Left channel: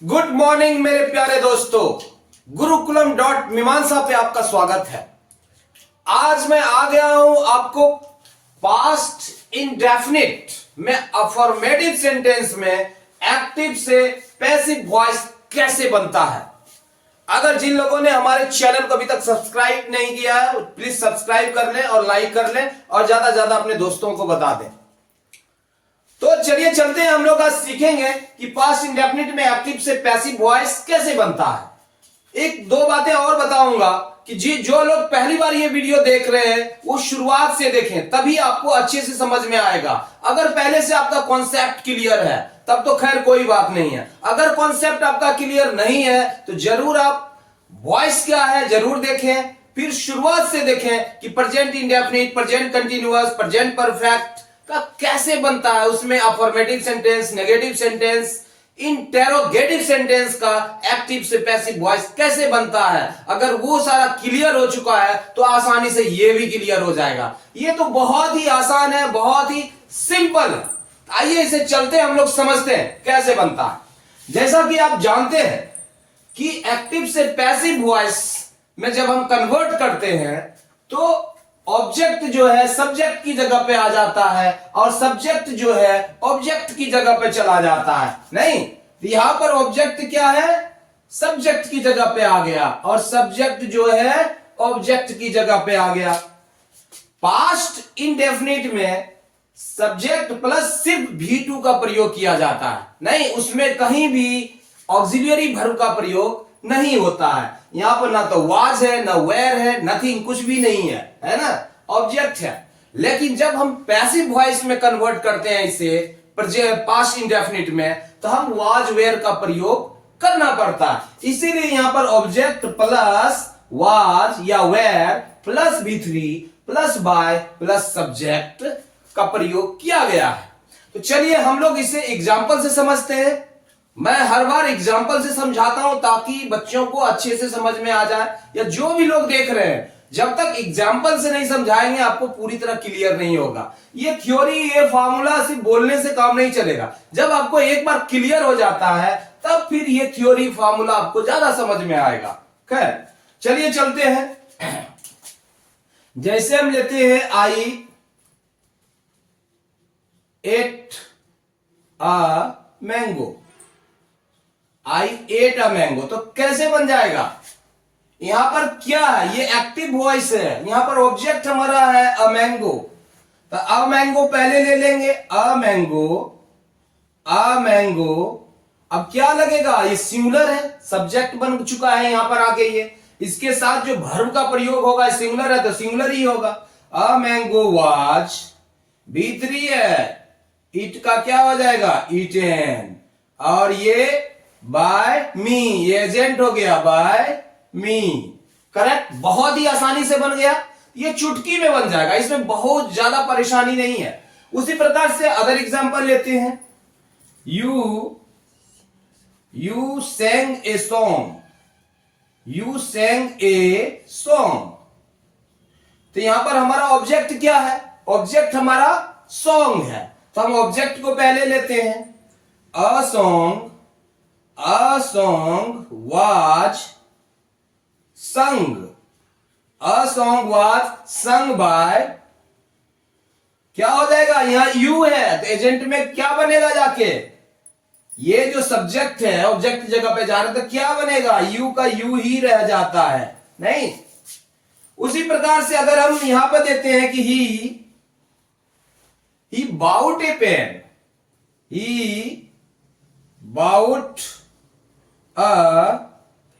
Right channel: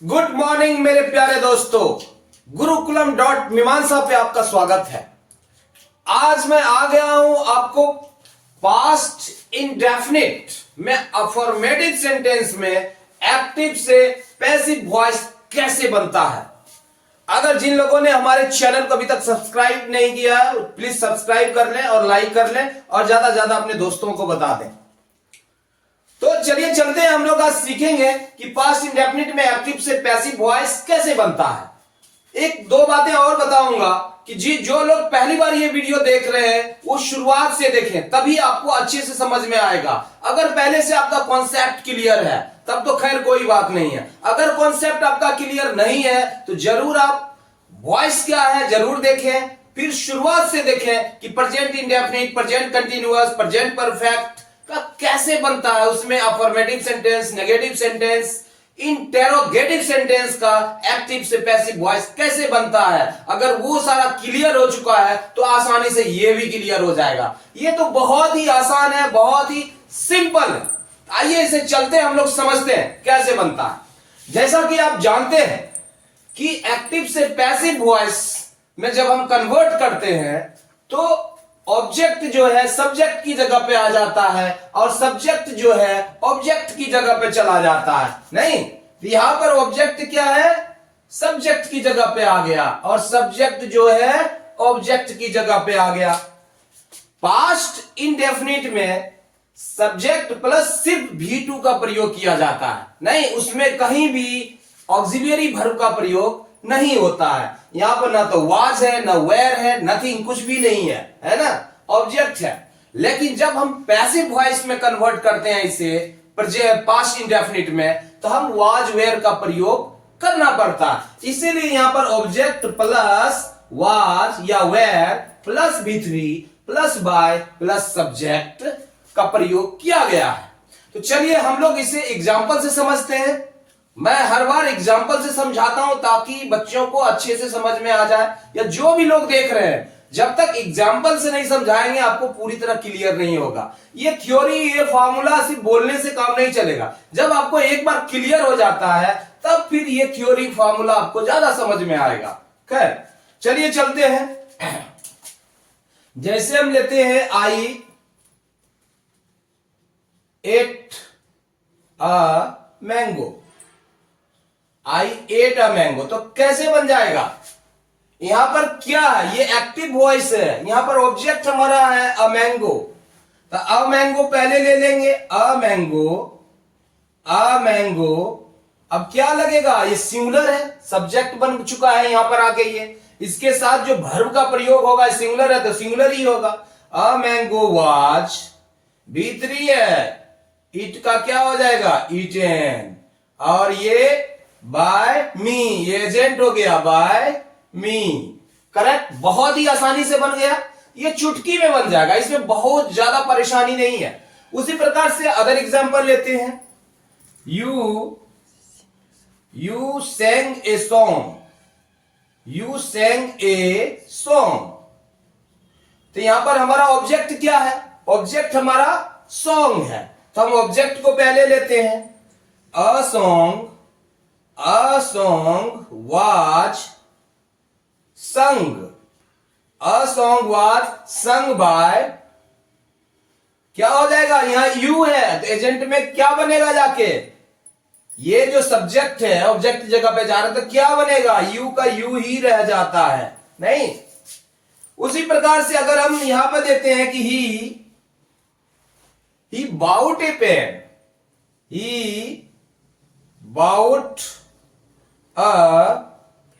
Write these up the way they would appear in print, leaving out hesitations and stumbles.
Good morning मेरे प्यारे दोस्तों, गुरुकुलम डॉट मीमांसा पे आपका स्वागत है। आज मैं आ गया हूं आपको पास्ट इंडेफिनिट में अफर्मेटिव सेंटेंस में एक्टिव से पैसिव वॉइस कैसे बनता है। अगर जिन लोगों ने हमारे चैनल को अभी तक सब्सक्राइब नहीं किया है, प्लीज सब्सक्राइब कर लें और लाइक कर लें और ज्यादा ज्यादा अपने दोस्तों को बता दें। तो चलिए चलते हैं, हम लोग आज सीखेंगे कि पास्ट इंडेफिनिट में एक्टिव से पैसिव वॉइस कैसे बनता है। एक दो बातें और बताऊंगा कि जी जो लोग पहली बार ये वीडियो देख रहे हैं वो शुरुआत से देखें, तभी आपको अच्छे से समझ में आएगा। अगर पहले से आपका कॉन्सेप्ट क्लियर है तब तो खैर कोई बात नहीं है। अगर कॉन्सेप्ट आपका क्लियर नहीं है तो जरूर आप वॉइस क्या है जरूर देखें, फिर शुरुआत से देखें कि present indefinite, present continuous, present perfect का कैसे बनता है। उसमें affirmative sentence, negative sentence, interrogative sentence का एक्टिव से पैसिव वॉइस कैसे बनता है। अगर वो सारा क्लियर हो चुका है तो आसानी से ये भी क्लियर हो जाएगा। ये तो बहुत ही आसान है, बहुत ही सिंपल है। आइए इसे चलते हम लोग समझते हैं कैसे बनता है। जैसा कि आप जानते हैं कि एक्टिव से पैसिव वॉइस में जब हम कन्वर्ट करते हैं तो ऑब्जेक्ट जो है सब्जेक्ट की जगह पे आ जाता है और सब्जेक्ट जो है ऑब्जेक्ट की जगह पे चला जाता है। नहीं, यहां पर ऑब्जेक्ट क्या है, सब्जेक्ट की जगह पे आ गया और सब्जेक्ट जो है ऑब्जेक्ट की जगह पे आ गया। पास्ट इंडेफिनिट में सब्जेक्ट प्लस सिर्फ V2 का प्रयोग किया जाता है। नहीं, उसमें कहीं भी ऑक्सिलियरी वर्ब का प्रयोग नहीं होता है। यहां पर ना तो वाज है, ना वेयर है, नथिंग, कुछ भी नहीं है ना, ऑब्जेक्ट है। लेकिन जब हम पैसिव वॉइस में कन्वर्ट करते हैं इसे पास्ट इंडेफिनिट में, तो हम वाज वेयर का प्रयोग करना पड़ता है। इसीलिए यहां पर ऑब्जेक्ट प्लस वाज या were plus V3 plus by plus subject का प्रयोग किया गया है। तो चलिए हम लोग इसे एग्जाम्पल से समझते हैं। मैं हर बार एग्जाम्पल से समझाता हूं ताकि बच्चों को अच्छे से समझ में आ जाए, या जो भी लोग देख रहे हैं जब तक एग्जाम्पल से नहीं समझाएंगे आपको पूरी तरह क्लियर नहीं होगा। ये थ्योरी, ये फॉर्मूला सिर्फ बोलने से काम नहीं चलेगा। जब आपको एक बार क्लियर हो जाता है तब फिर ये थ्योरी फॉर्मूला आपको ज्यादा समझ में आएगा। खैर चलिए चलते हैं। जैसे हम लेते हैं I ate a mango, I ate a mango, तो कैसे बन जाएगा। यहां पर क्या है, ये एक्टिव वॉइस है, यहां पर ऑब्जेक्ट हमारा है अ मैंगो। तो अ मैंगो पहले ले लेंगे, अ मैंगो, अ मैंगो। अब क्या लगेगा, ये सिंगुलर है, सब्जेक्ट बन चुका है यहां पर आके। ये इसके साथ जो वर्ब का प्रयोग होगा, सिंगुलर है तो सिंगुलर ही होगा। अ मैंगो वाज, V3 है, इट का क्या हो जाएगा, ईटेन, और ये बाय मी, ये एजेंट हो गया बाय मी। करेक्ट, बहुत ही आसानी से बन गया, ये चुटकी में बन जाएगा, इसमें बहुत ज्यादा परेशानी नहीं है। उसी प्रकार से अदर एग्जांपल लेते हैं। You sang a song, you sang a song. तो यहां पर हमारा ऑब्जेक्ट क्या है, ऑब्जेक्ट हमारा सॉन्ग है। तो हम ऑब्जेक्ट को पहले लेते हैं, a song, a song was sung, a song was sung by, क्या हो जाएगा, यहां यू है तो एजेंट में क्या बनेगा जाके, ये जो सब्जेक्ट है ऑब्जेक्ट की जगह पे जा रहा है तो क्या बनेगा, यू का यू ही रह जाता है। नहीं, उसी प्रकार से अगर हम यहां पर देते हैं कि he bought a pen, he bought a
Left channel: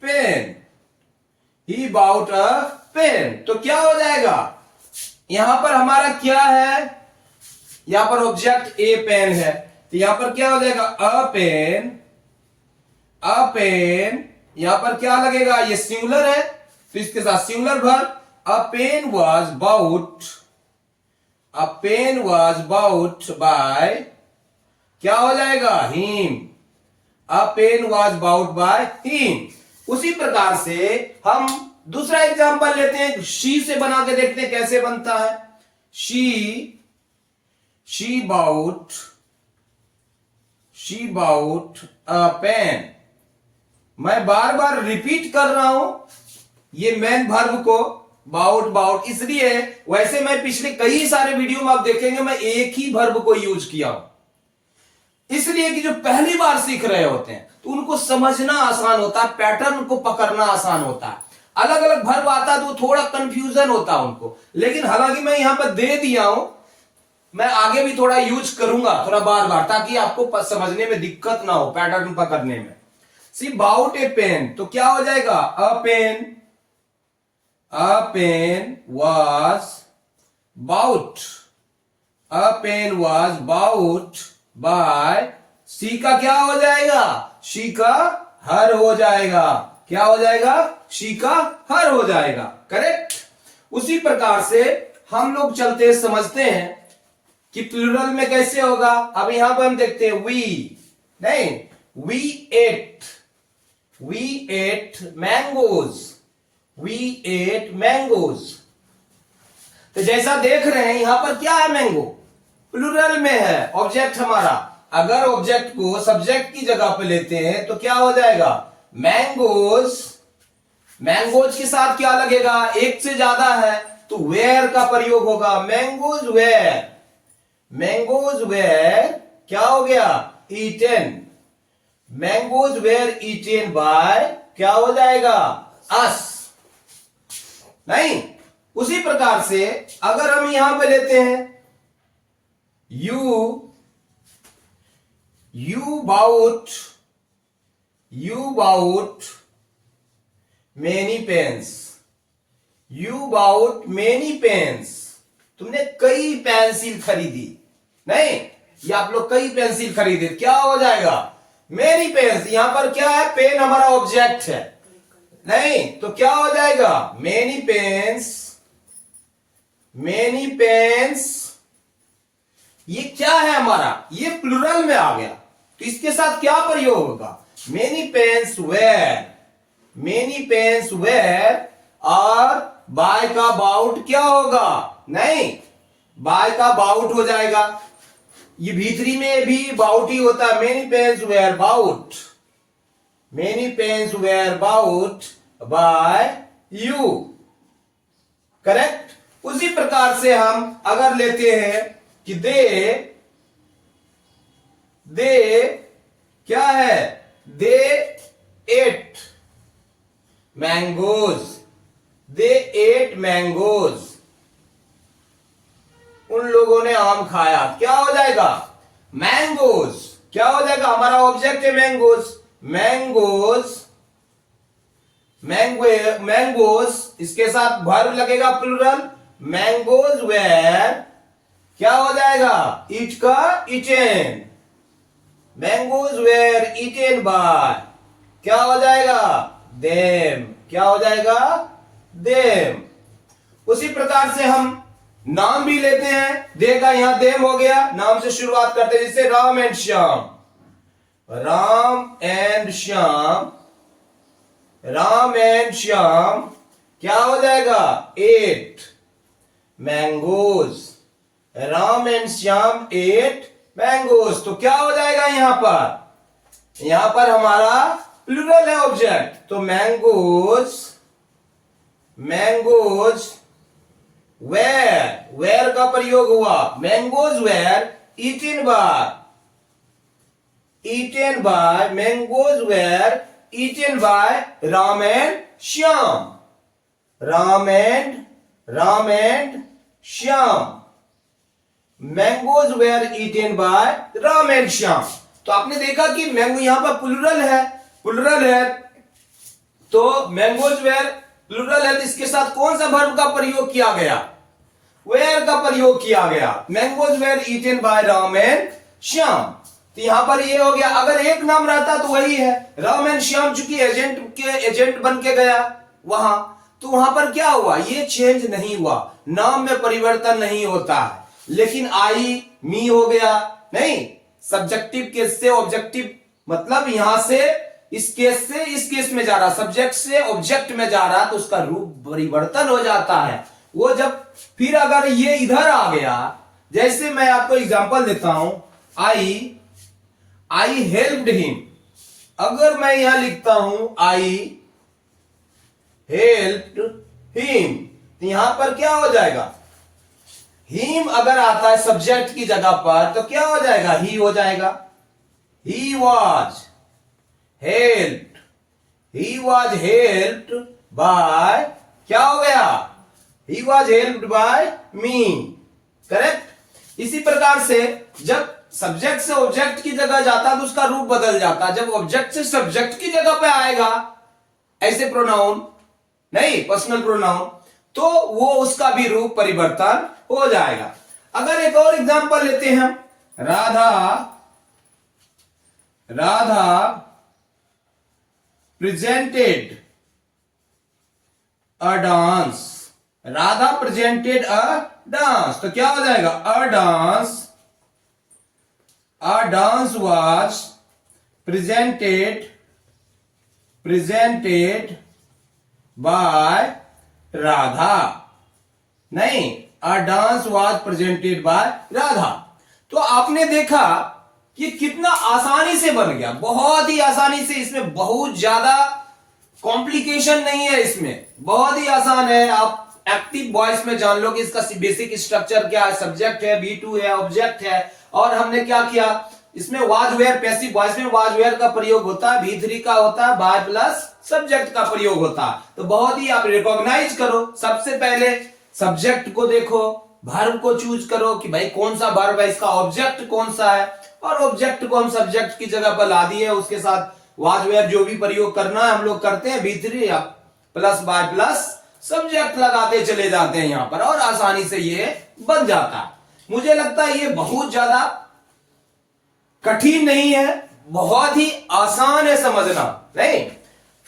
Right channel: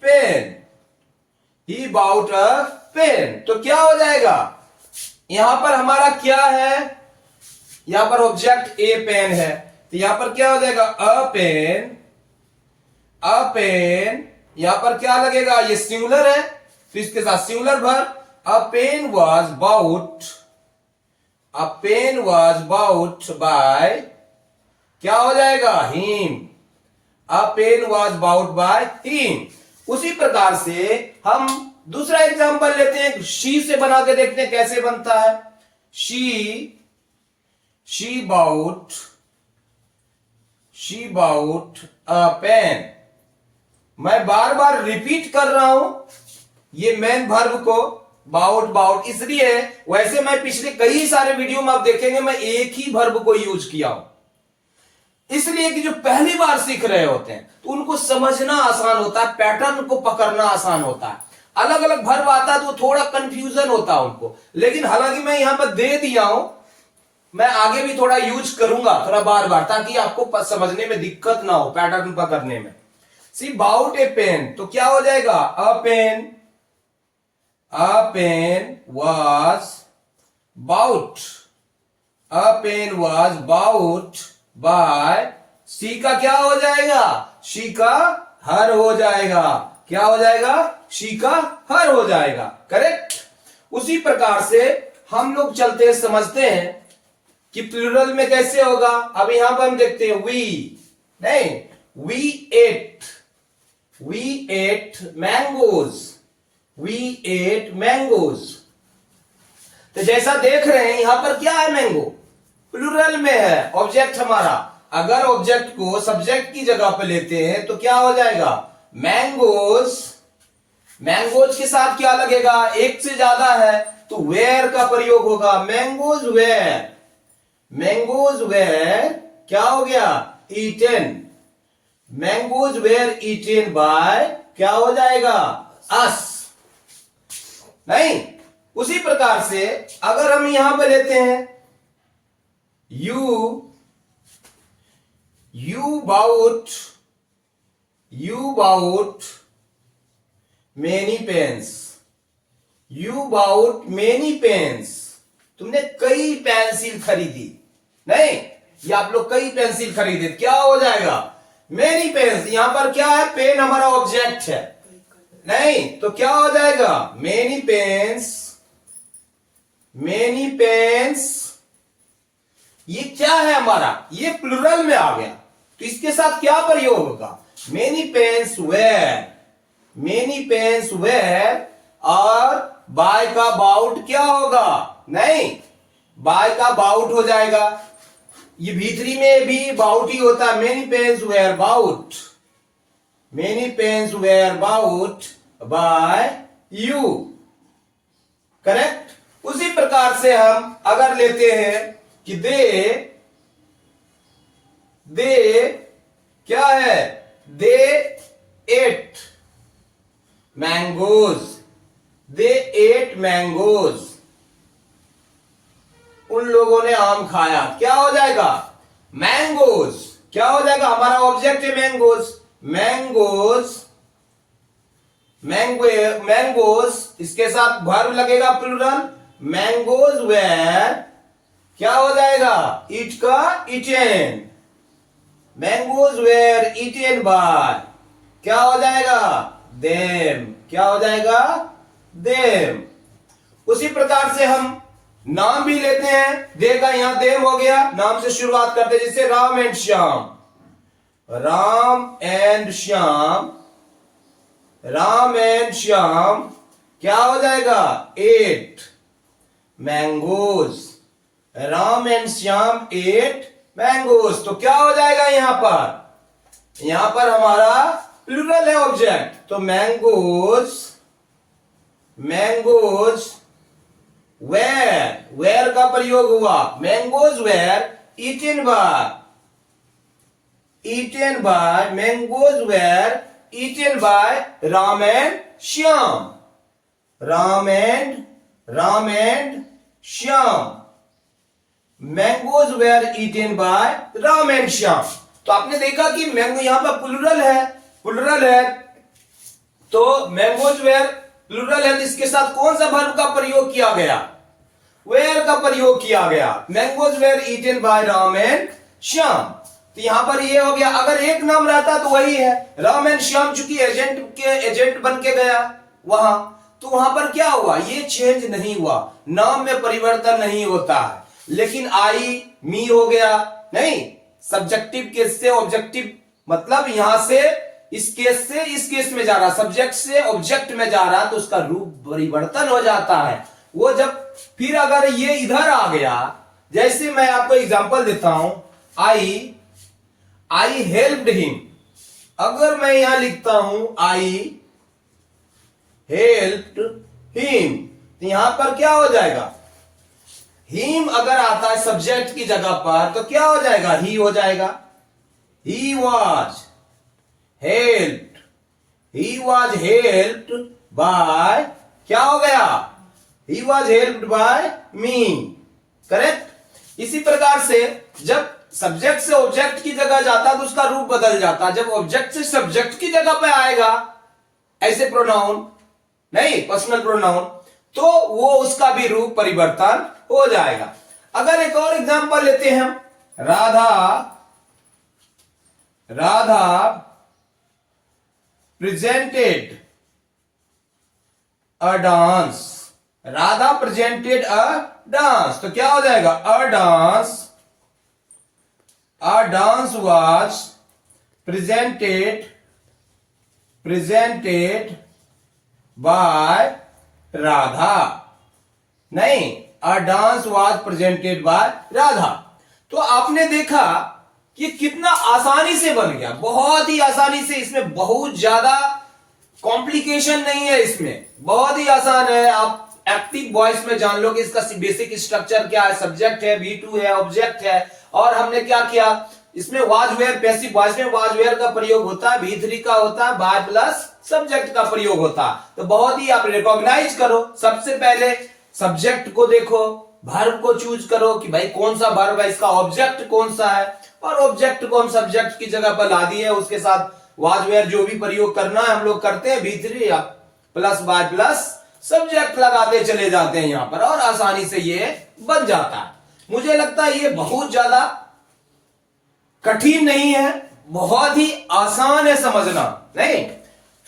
pen, he bought a pen, तो क्या हो जाएगा, यहां पर हमारा क्या है, यहां पर ऑब्जेक्ट ए पेन है तो यहां पर क्या हो जाएगा, अ पेन, अ पेन। यहां पर क्या लगेगा, ये सिंगुलर है तो इसके साथ singular verb. A pen was bought, A pen was bought by, क्या हो जाएगा, him, A pen was bought by him। उसी प्रकार से हम दूसरा एग्जांपल लेते हैं, she से बना के देखते हैं कैसे बनता है। she bought a pen, मैं बार बार रिपीट कर रहा हूं ये मेन वर्ब को, बाउट बाउट, इसलिए वैसे मैं पिछले कई सारे वीडियो में आप देखेंगे मैं एक ही वर्ब को यूज किया हूं, इसलिए कि जो पहली बार सीख रहे होते हैं तो उनको समझना आसान होता है, पैटर्न को पकड़ना आसान होता है। अलग अलग वर्ब आता है तो थोड़ा कंफ्यूजन होता है उनको, लेकिन हालांकि मैं यहां पर दे दिया हूं, मैं आगे भी थोड़ा यूज करूंगा थोड़ा बार बार, ताकि आपको समझने में दिक्कत ना हो, पैटर्न पकड़ने में। सी बाउट ए पेन, तो क्या हो जाएगा, a pen was bought, a pen was bought by, C का क्या हो जाएगा, शी का हर हो जाएगा, क्या हो जाएगा, शी का हर हो जाएगा, करेक्ट। उसी प्रकार से हम लोग चलते समझते हैं कि प्लूरल में कैसे होगा। अब यहां पर हम देखते हैं वी, नहीं, we ate mangoes, We ate mangoes। तो जैसा देख रहे हैं यहां पर क्या है, मैंगो प्लूरल में है, ऑब्जेक्ट हमारा। अगर ऑब्जेक्ट को सब्जेक्ट की जगह पे लेते हैं तो क्या हो जाएगा, मैंगोज। मैंगोज के साथ क्या लगेगा, एक से ज्यादा है तो वेयर का प्रयोग होगा, मैंगोज वेयर, मैंगोज वेयर क्या हो गया, eaten, mangoes were eaten by, क्या हो जाएगा, अस, नहीं। उसी प्रकार से अगर हम यहां पे लेते हैं you bought many pens, you bought many pens, तुमने कई पेंसिल खरीदी, नहीं, ये आप लोग कई पेंसिल खरीदे, क्या हो जाएगा, मेनी पेन्स। यहां पर क्या है, पेन हमारा ऑब्जेक्ट है, नहीं, तो क्या हो जाएगा, मेनी पेन्स, मेनी पेन्स। ये क्या है हमारा, ये प्लूरल में आ गया, तो इसके साथ क्या प्रयोग होगा, many pens were, many pens were, और बाय का बाउट क्या होगा, नहीं, बाय का बाउट हो जाएगा। ये भीतरी में भी बाउट ही होता है, many pens were bought, many pens were bought by you, correct. उसी प्रकार से हम अगर लेते हैं कि दे क्या है, दे एट मैंगोज, दे एट मैंगोज, उन लोगों ने आम खाया, क्या हो जाएगा, मैंगोज, क्या हो जाएगा, हमारा ऑब्जेक्ट है मैंगोज, मैंगोज, मैंगोज, इसके साथ वर्ब लगेगा प्लूरल, मैंगोज वेयर, क्या हो जाएगा, ईट का eaten, mangoes were eaten by, क्या हो जाएगा, देम, क्या हो जाएगा, देम। उसी प्रकार से हम नाम भी लेते हैं, दे का यहां देम हो गया, नाम से शुरुआत करते हैं, जैसे Ram and Shyam, Ram and Shyam, Ram and Shyam, क्या हो जाएगा, ate mangoes, Ram and Shyam ate mangoes. तो क्या हो जाएगा यहां पर हमारा प्लूरल है ऑब्जेक्ट, तो मैंगोज, मैंगोज वेयर का प्रयोग हुआ, mangoes were eaten by, mangoes were eaten by Ram and Shyam, Ram and Shyam, mangoes were eaten by Ram and Shyam. तो आपने देखा कि मैंगो यहां पर प्लूरल है, तो मैंगोज वेयर प्लूरल है, तो इसके साथ कौन सा वर्ब का प्रयोग किया गया, वेयर का प्रयोग किया गया, mangoes were eaten by Ram and Shyam. तो यहां पर ये हो गया, अगर एक नाम रहता तो वही है, राम एंड श्याम, चूंकि एजेंट बन के गया वहां, तो वहां पर क्या हुआ, ये चेंज नहीं हुआ, नाम में परिवर्तन नहीं होता है, लेकिन आई मी हो गया, नहीं, सब्जेक्टिव केस से ऑब्जेक्टिव, मतलब यहां से इस केस से इस केस में जा रहा, सब्जेक्ट से ऑब्जेक्ट में जा रहा, तो उसका रूप परिवर्तन हो जाता है। वो जब फिर अगर ये इधर आ गया, जैसे मैं आपको एग्जांपल देता हूं, आई हेल्प्ड हिम, अगर मैं यहां लिखता हूं आई हेल्प्ड हिम, तो यहां पर क्या हो जाएगा? हिम अगर आता है सब्जेक्ट की जगह पर तो क्या हो जाएगा? ही हो जाएगा। He was helped, he was helped bye, क्या हो गया? He was helped bye me, correct. इसी प्रकार से जब सब्जेक्ट से ऑब्जेक्ट की जगह जाता तो उसका रूप बदल जाता। जब ऑब्जेक्ट से सब्जेक्ट की जगह पे आएगा ऐसे प्रोनाउन, नहीं पर्सनल प्रोनाउन, तो वो उसका भी रूप परिवर्तन हो जाएगा। अगर एक और एग्जांपल लेते हैं, Radha presented a dance, Radha presented a dance, तो क्या हो जाएगा? A dance was presented by Radha, नहीं, a dance was presented by Radha. तो आपने देखा कि कितना आसानी से बन गया, बहुत ही आसानी से। इसमें बहुत ज्यादा कॉम्प्लिकेशन नहीं है, इसमें बहुत ही आसान है। आप एक्टिव वॉइस में जान लो कि इसका बेसिक स्ट्रक्चर क्या है, सब्जेक्ट है, V2 है, ऑब्जेक्ट है, और हमने क्या किया इसमें वाज वेयर, पैसिव वॉइस में वाज वेयर का प्रयोग होता है, V3 का होता है, बाय प्लस सब्जेक्ट का प्रयोग होता है। तो बहुत ही आप रिकॉग्नाइज करो, सबसे पहले सब्जेक्ट को देखो, वर्ब को चूज करो कि भाई कौन सा वर्ब है, इसका ऑब्जेक्ट कौन सा है, और ऑब्जेक्ट को हम सब्जेक्ट की जगह पर ला दिए, उसके साथ वाज वेयर जो भी प्रयोग करना है हम लोग करते हैं, V3 या प्लस बाय प्लस सब्जेक्ट लगाते चले जाते हैं यहां पर, और आसानी से ये बन जाता है। मुझे लगता है ये बहुत ज्यादा कठिन नहीं है, बहुत ही आसान है समझना, नहीं।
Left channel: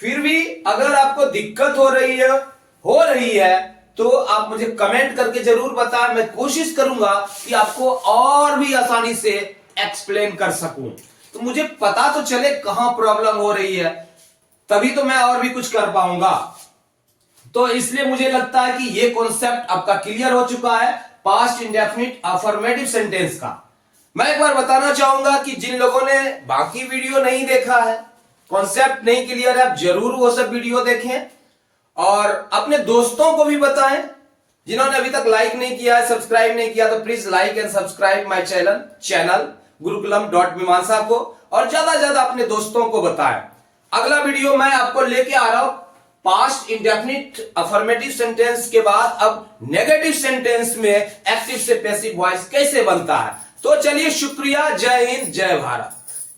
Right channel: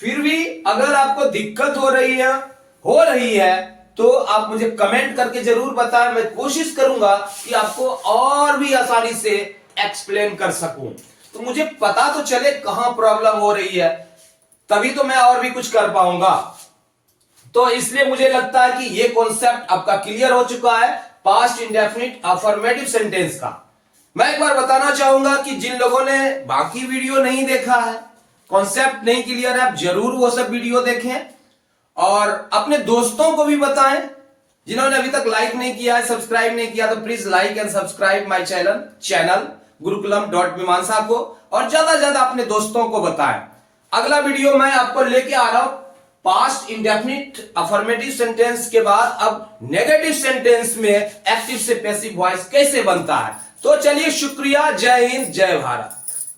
फिर भी अगर आपको दिक्कत हो रही है तो आप मुझे कमेंट करके जरूर बताएं, मैं कोशिश करूंगा कि आपको और भी आसानी से एक्सप्लेन कर सकूं, तो मुझे पता तो चले कहां प्रॉब्लम हो रही है, तभी तो मैं और भी कुछ कर पाऊंगा। तो इसलिए मुझे लगता है कि ये कॉन्सेप्ट आपका क्लियर हो चुका है पास्ट इंडेफिनिट अफर्मेटिव सेंटेंस का। मैं एक बार बताना चाहूंगा कि जिन लोगों ने बाकी वीडियो नहीं देखा है, कॉन्सेप्ट नहीं क्लियर है, आप जरूर वो सब वीडियो देखें और अपने दोस्तों को भी बताएं। जिन्होंने अभी तक लाइक नहीं किया है, सब्सक्राइब नहीं किया, तो please like and subscribe my channel गुरुकुलम.मीमांसा को, और ज्यादा ज्यादा अपने दोस्तों को बताएं। अगला वीडियो मैं आपको लेके आ रहा हूं पास्ट इंडेफिनिट अफर्मेटिव सेंटेंस के बाद अब नेगेटिव सेंटेंस में एक्टिव से पैसिव वॉइस कैसे बनता है। तो चलिए, शुक्रिया, जय हिंद, जय भारत।